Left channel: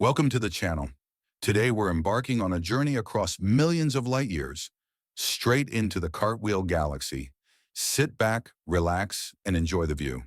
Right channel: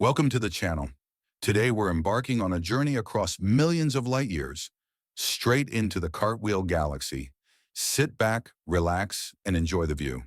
Welcome to the channel. Today we're embarking on a journey across millions of light years, straight into the Cartwheel Galaxy. Sit back, relax, and enjoy the view.